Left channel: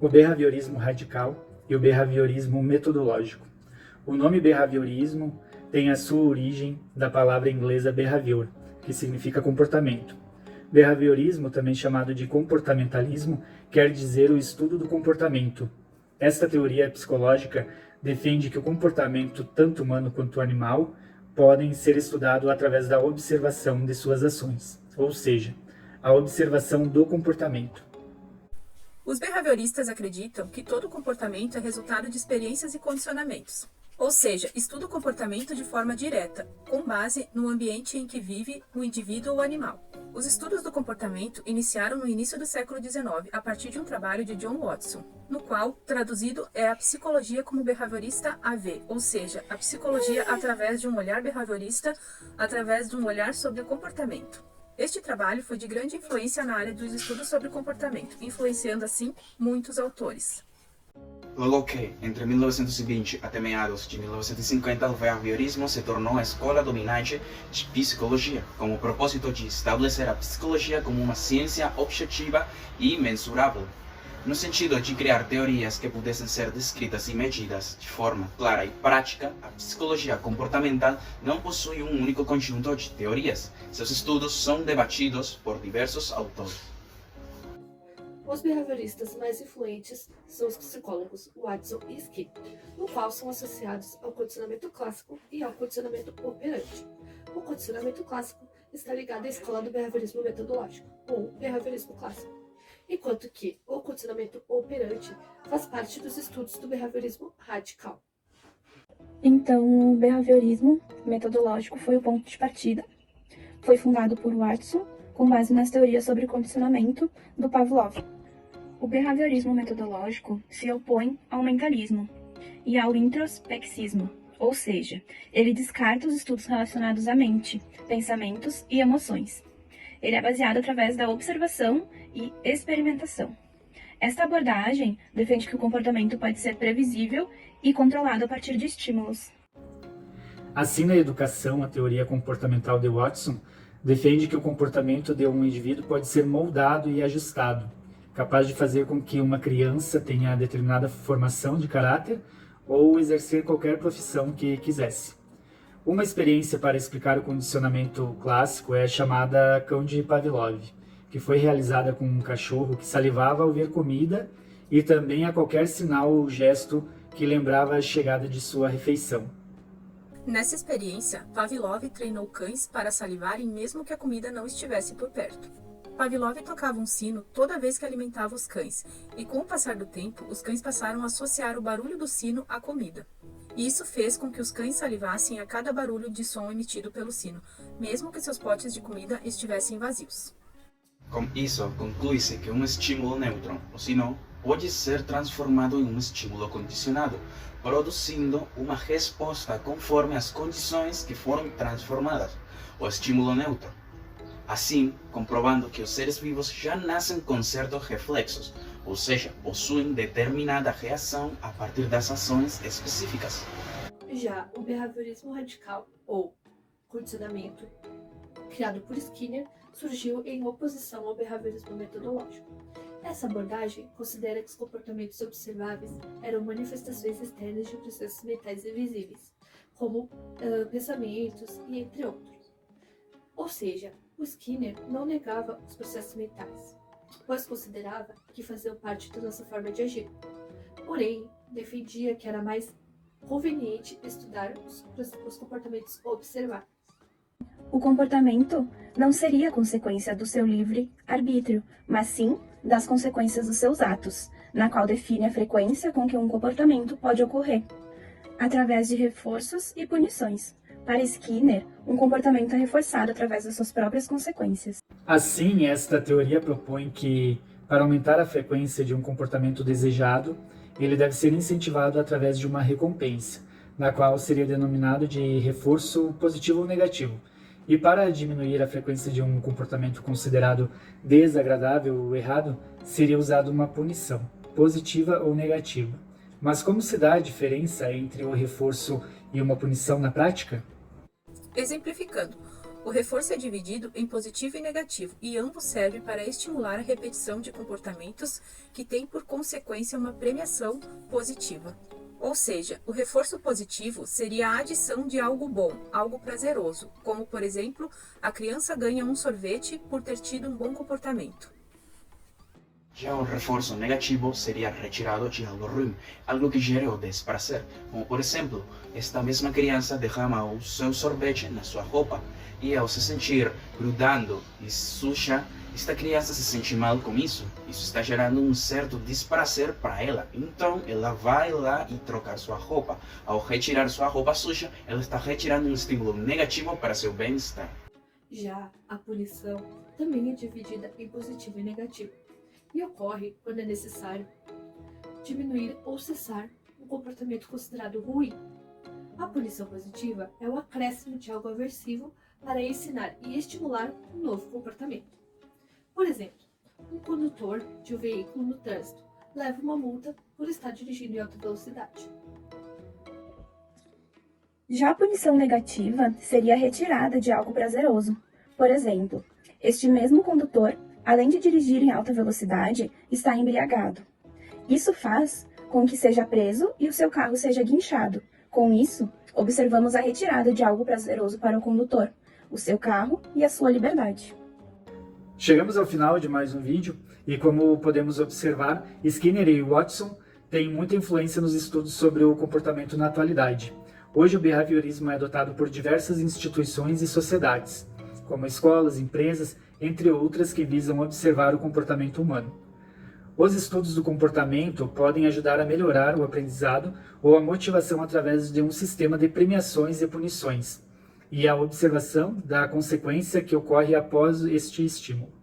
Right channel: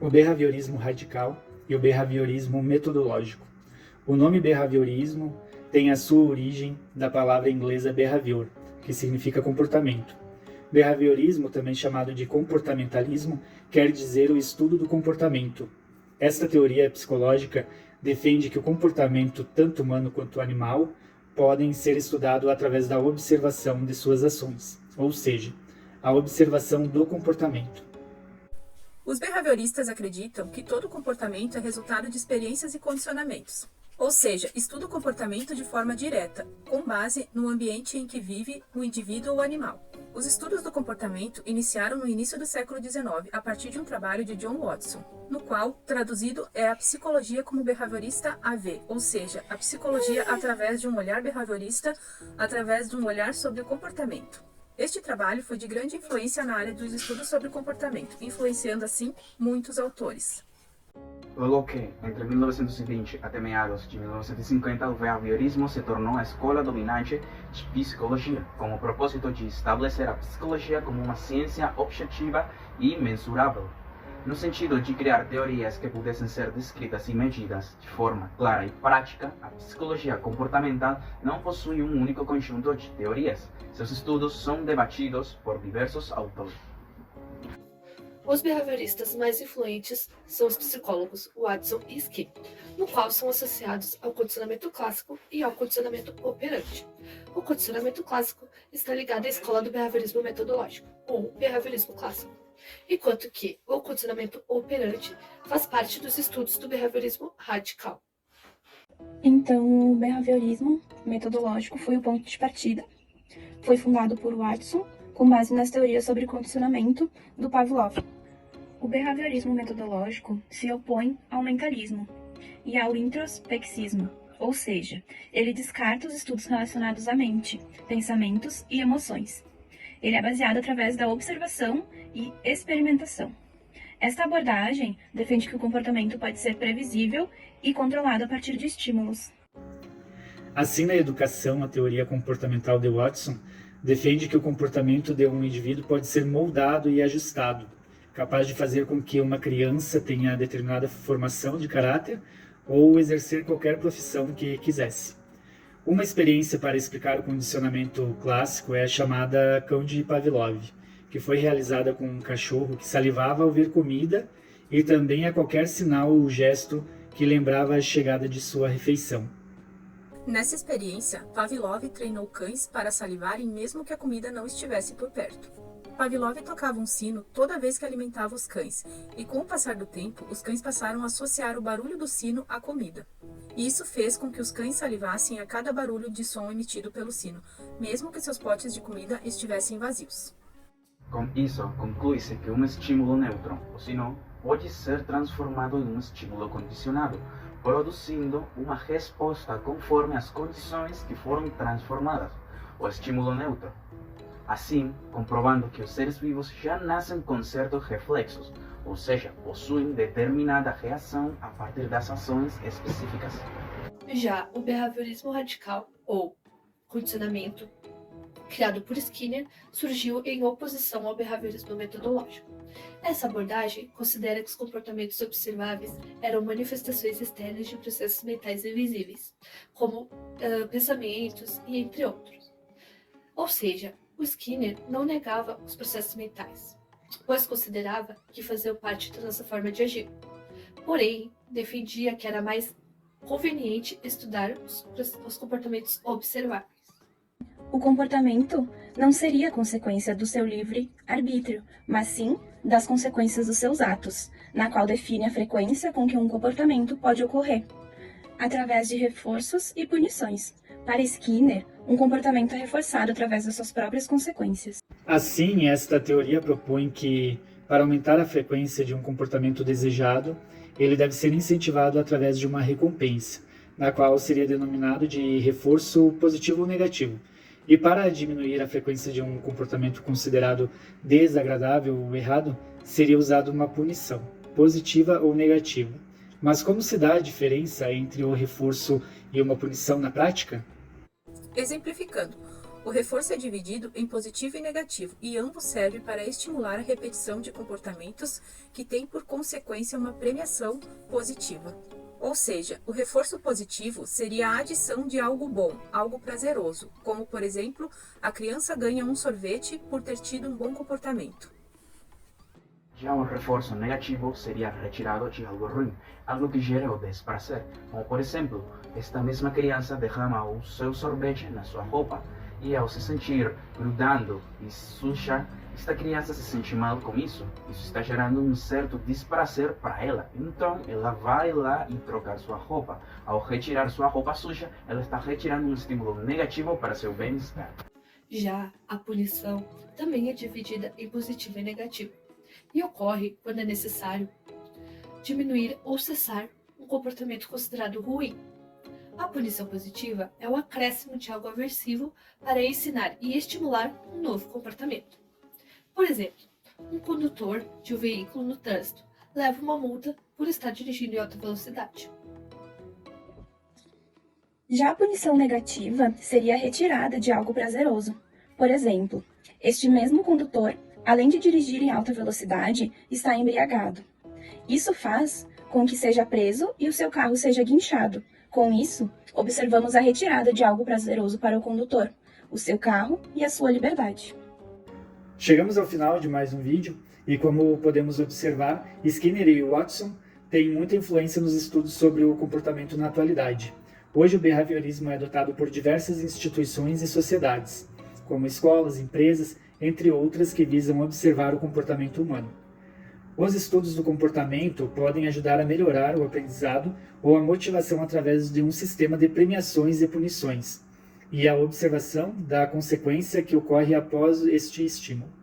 o behaviorismo radical e o behaviorismo metodológico. O nome behaviorismo tem a sua origem da palavra inglesa behavior, que significa comportamento. Behaviorismo, também chamado de comportamentalismo, quer dizer o estudo do comportamento. Esta teoria psicológica defende que o comportamento, tanto humano quanto animal, podem ser estudados através da observação de suas ações, ou seja, a observação do comportamento. Os behavioristas acreditam que todo comportamento é resultado de experiências e condicionamentos, ou seja, estuda o comportamento de forma direta, com base no ambiente em que vive o indivíduo ou animal. Os estudos do comportamento iniciaram no início do século XIX, a partir de um trabalho de John Watson, no qual, traduzido, é a psicologia como behaviorista AV, ou seja, a psicologia através de um olhar behaviorista, através de um olhar sobre o comportamento. Este trabalho foi de grande influência na área dos estudos sobre o comportamento, influenciando assim muitos autores. Logo que, entre 1920 até meados de 1950, o behaviorismo se tornou a escola dominante de psicologia, com o propósito de estabelecer a psicologia como uma ciência objetiva e mensurável, no sentido de criar teorias que pudessem ser descritas e medidas de forma clara e prática. A psicologia comportamental não possui um único conjunto de teorias. Seus estudos são debatidos por diversos autores. Os behavioristas mais influentes são os psicólogos Watson e Skinner, no qual são associados ao condicionamento clássico e ao condicionamento operante. O condicionamento clássico está ligado à escola do behaviorismo metodológico, ou behaviorismo clássico, enquanto que o condicionamento operante faz parte dos estudos do behaviorismo radical. Então, o behaviorismo metodológico foi o ponto de partida. Foi fundado por Watson, com base nas teorias sobre condicionamento do Pavlov. O behaviorismo metodológico se opõe ao mentalismo e ao introspexismo, ou seja, ele descarta os estudos relacionados à mente, pensamentos e emoções. Ele é baseado através da observação e experimentação. Esta abordagem defende que o comportamento pode ser previsível e controlado a partir de estímulos. Assim, na educação, a teoria comportamental de Watson defende que o comportamento de um indivíduo pode ser moldado e ajustado, capaz de fazer com que uma criança tenha determinada formação de caráter ou exercer qualquer profissão que quisesse. Uma experiência para explicar o condicionamento clássico é a chamada cão de Pavlov, que foi realizada com um cachorro que salivava ao ver comida e também a qualquer sinal ou gesto que lembrava a chegada de sua refeição. Nessa experiência, Pavlov treinou cães para salivarem mesmo que a comida não estivesse por perto. Pavlov tocava um sino toda vez que alimentava os cães, e com o passar do tempo, os cães passaram a associar o barulho do sino à comida. E isso fez com que os cães salivassem a cada barulho de som emitido pelo sino, mesmo que seus potes de comida estivessem vazios. Com isso, conclui-se que um estímulo neutro, o sino, pode ser transformado em um estímulo condicionado, produzindo uma resposta conforme as condições que foram transformadas, o estímulo neutro. Assim, comprovando que os seres vivos já nascem com certos reflexos, ou seja, possuem determinada reação a partir das ações específicas. Já o behaviorismo radical, ou condicionamento, criado por Skinner, surgiu em oposição ao behaviorismo metodológico. Essa abordagem considera que os comportamentos observáveis eram manifestações externas de processos mentais invisíveis, como pensamentos e entre outros. Ou seja, o Skinner não negava os processos mentais, pois considerava que faziam parte da nossa forma de agir. Porém, defendia que era mais conveniente estudar os comportamentos observáveis. O comportamento não seria consequência do seu livre arbítrio, mas sim das consequências dos seus atos, na qual define a frequência com que um comportamento pode ocorrer, através de reforços e punições. Para Skinner, um comportamento é reforçado através das suas próprias consequências. Assim, esta teoria propõe que, para aumentar a frequência de um comportamento desejado, ele deve ser incentivado através de uma recompensa, na qual seria denominado de reforço positivo ou negativo. E para diminuir a frequência de um comportamento considerado desagradável ou errado, seria usada uma punição, positiva ou negativa. Mas como se dá a diferença entre o reforço e uma punição na prática? Exemplificando, O reforço é dividido em positivo e negativo, e ambos servem para estimular a repetição de comportamentos que têm por consequência uma premiação positiva. Ou seja, o reforço positivo seria a adição de algo bom, algo prazeroso, como, por exemplo, a criança ganha um sorvete por ter tido um bom comportamento. Já o reforço negativo seria retirado de algo ruim, algo que gere o desprazer, como por exemplo, esta mesma criança derrama o seu sorvete na sua roupa, e ao se sentir grudando e suja, esta criança se sente mal com isso. Isso está gerando um certo desprazer para ela, então ela vai lá e trocar sua roupa. Ao retirar sua roupa suja, ela está retirando um estímulo negativo para seu bem-estar. Já a punição também é dividida em positivo e negativo, e ocorre quando é necessário diminuir ou cessar um comportamento considerado ruim. A punição positiva é o acréscimo de algo aversivo para ensinar e estimular um novo comportamento. Por exemplo, um condutor de um veículo no trânsito leva uma multa por estar dirigindo em alta velocidade. Já a punição negativa seria a retirada de algo prazeroso. Por exemplo, este mesmo condutor, além de dirigir em alta velocidade, está embriagado. Isso faz com que seja preso e o seu carro seja guinchado. Com isso, observamos a retirada de algo prazeroso para o condutor, o seu carro e a sua liberdade. Chegamos ao final de mais um vídeo e, como podemos observar, Skinner e Watson têm muita influência nos estudos sobre o comportamento na atualidade. Hoje o behaviorismo é adotado por diversas instituições e sociedades, como escolas, empresas, entre outras que visam observar o comportamento humano. Os estudos do comportamento podem ajudar a melhorar o aprendizado ou a motivação através de um sistema de premiações e punições, e a observação da consequência que ocorre após este estímulo.